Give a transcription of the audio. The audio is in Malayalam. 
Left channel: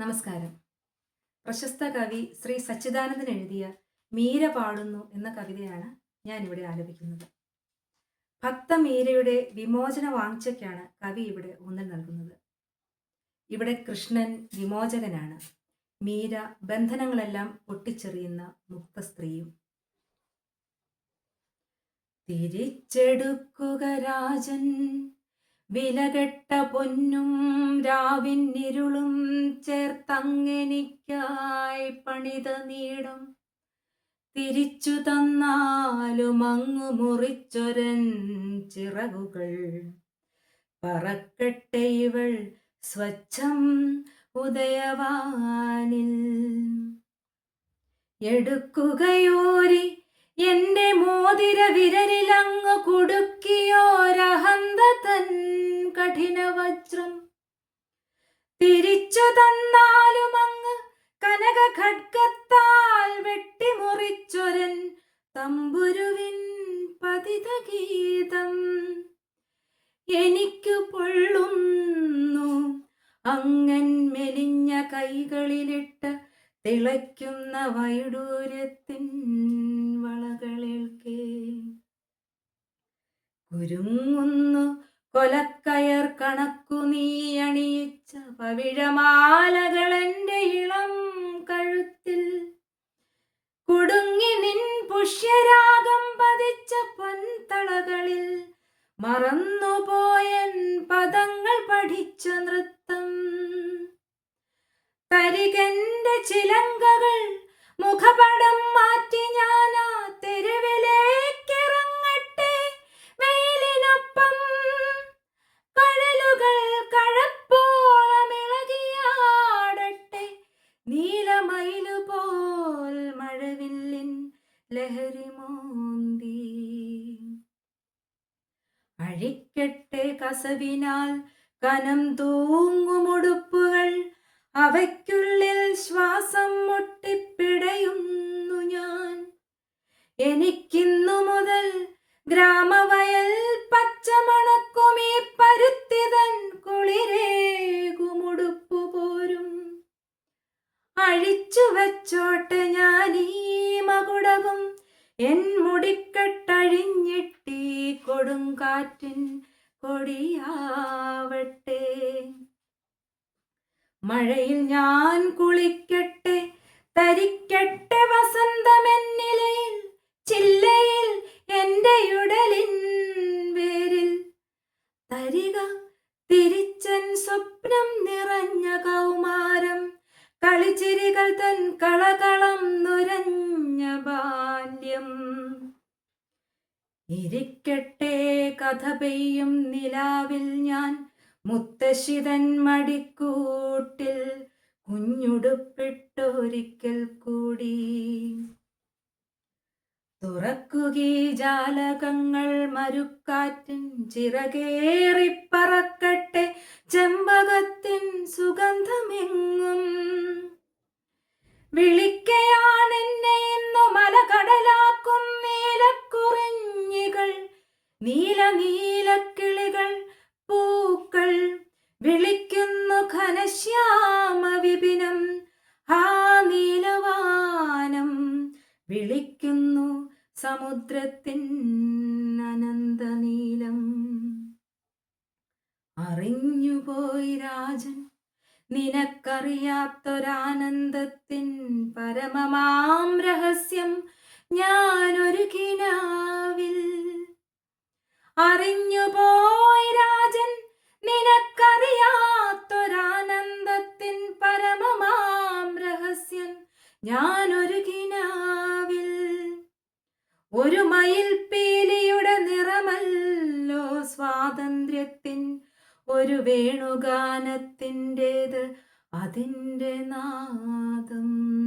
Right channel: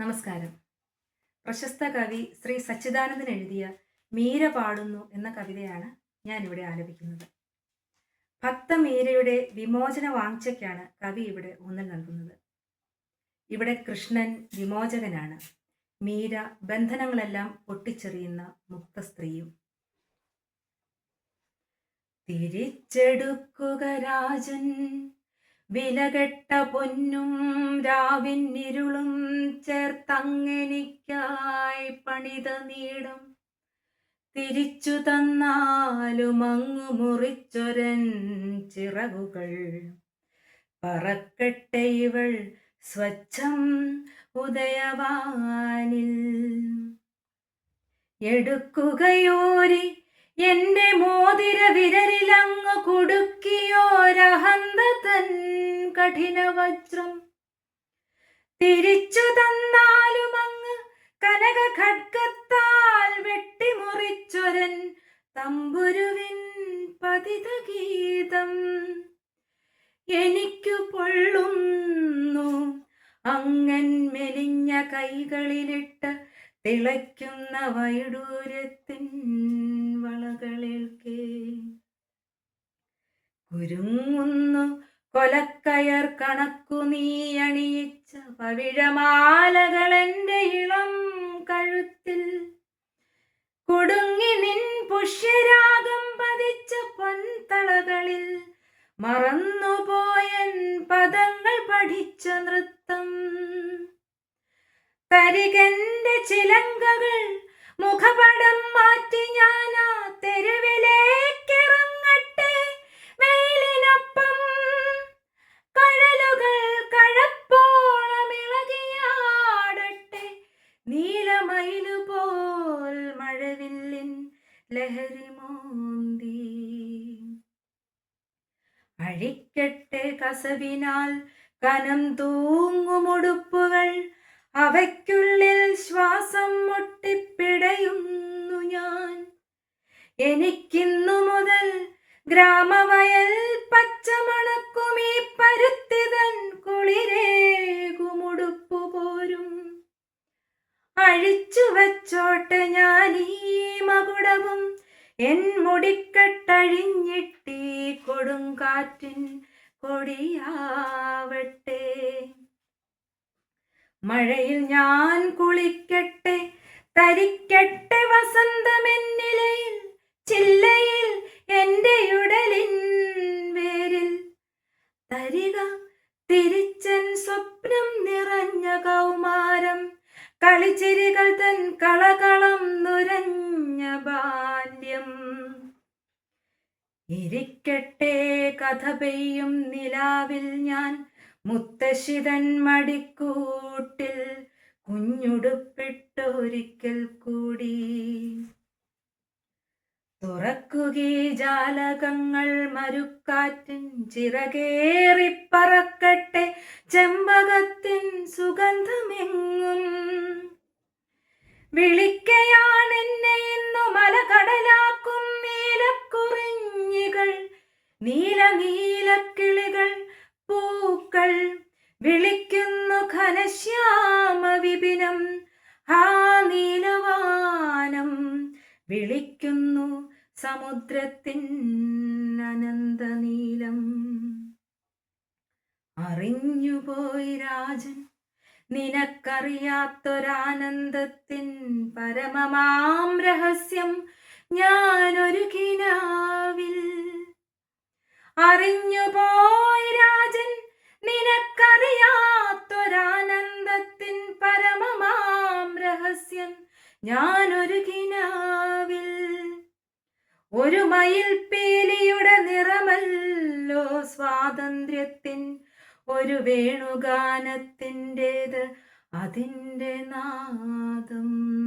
നമസ്കാരം. പ്രശസ്ത കവി ശ്രീ സച്ചിദാനന്ദൻ എഴുതിയ മീര പാടുന്നു എന്ന കവിതയാണ് ഞാൻ ഇവിടെ ആലപിക്കുന്നത്. ഭക്ത മീരയുടെ വിമോചന വാങ്ചയ്ക്കാണ് കവി ഇവിടെ ഊന്നൽ നൽകുന്നത്. ഇവിടെ കൃഷ്ണൻ വിമോചകനാണ്. മീര ബന്ധനങ്ങളെല്ലാം പൊട്ടിച്ചെറിയുന്ന മുക്ത സ്ത്രീയും. തിരിച്ചെടുക്കുക രാജൻ വിലകെട്ട പൊന്നും രാവിന്നിരുളും ചേർത്തങ്ങനിക്കായി പണിത നീടും. തിരിച്ചു തന്നാലും അങ്ങു മുറിച്ചൊരൻ ചിറകുകൾ. പറക്കട്ടെ ഇവൾ സ്വച്ഛം ഉദയവാനിൽ. എടുക്കുകയോരി എന്റെ മോതിര വിരലിലങ്ങു കൊടുക്കും കഠിന വജ്രം തിരിച്ചു തന്നാലും അങ്ങ് കനക ഖഡ്ഗത്താൽ വെട്ടിമുറിച്ചൊരൻ തമ്പുരുവിൻ പതിത ഗീതം എനിക്കു പൊള്ളുന്നു അങ്ങൻ മെലിഞ്ഞ കൈകളിലിട്ട് തിളയ്ക്കുന്ന വൈഡൂര്യത്തിൻ വളകളേൽക്കേ. കുരുങ്ങുന്നു കൊലക്കയർ കണക്കു നീ അണിയിച്ച പവിഴമാലകൾ എന്റെ ഇളം കഴുത്തിൽ. കുടുങ്ങി നിൻ പുഷ്യരാഗം പതിച്ച പൊൻതളകളിൽ മറന്നുപോയൻ പദങ്ങൾ പഠിച്ച നൃത്തം. തരികന്റെ ചിലങ്കകൾ മുഖപടം മാറ്റി ഞാനാ ആ നീലമയിലു പോൽ മഴവില്ലിൻ ലഹരി മോന്തി. അഴിക്കട്ടെ കസവിനാൽ കനം തൂങ്ങുമുടുപ്പുകൾ അവയ്ക്കുള്ളിൽ ശ്വാസം മുട്ടിപ്പിടയുന്നു ഞാൻ. എനിക്കിന്നു അഴിച്ചു വച്ചോട്ടെ ഞാൻ ഈ മകുടവും. എൻ മുടിക്കെട്ടഴിഞ്ഞിട്ടീ കൊടുങ്കാറ്റിൻ കൊടിയാവട്ടെ മഴയിൽ ഞാൻ കുളിക്കട്ടെ തരിക്കട്ടെ വസന്തമെന്നിലയിൽ ചില്ലയിൽ എന്റെ ഉടലിൻ വേരിൽ. തരിക തൻ കളകളം നുരഞ്ഞ ബാല്യം. ഇരിക്കട്ടെ കഥ പെയ്യും നിലാവിൽ ഞാൻ. മുത്തശ്ശിതൻ മടിക്കൂട്ടിൽ കുഞ്ഞുടുപ്പിട്ടൊരിക്കൽ കൂടി. തുറക്കുകീ ജാലകങ്ങൾ മരുക്കാറ്റിൻ ചിറകേറിപ്പറക്കട്ടെ ചെമ്പകത്തിൻ സുഗന്ധമെങ്ങും വിളിക്കയാണെന്നെ ഇന്നു മലകടലാക്കും നീലക്കുറിഞ്ഞികൾ നീല നീലക്കിളികൾ പൂക്കൾ വിളിക്കുന്നു ഘനശ്യാമ വിപിനം. ആ നീലവാനം വിളിക്കുന്നു സമുദ്രത്തിൻ അനന്തനീലം. അറിഞ്ഞുപോയി രാജൻ നിനക്കറിയാത്തൊരാനന്ദത്തിൻ പരമമാം രഹസ്യം ഞാനൊരു കിനാവിൽ. അറിഞ്ഞുപോയി രാജൻ നിനക്കറിയാത്തൊരാനന്ദത്തിൻ പരമമാം രഹസ്യം ഞാനൊരു കിനാവിൽ. ഒരു മയിൽ പീലിയുടെ നിറമല്ലോ സ്വാതന്ത്ര്യത്തിൻ ഒരു വേണുഗാനത്തിന്റേത് അതിന്റെ നാദം.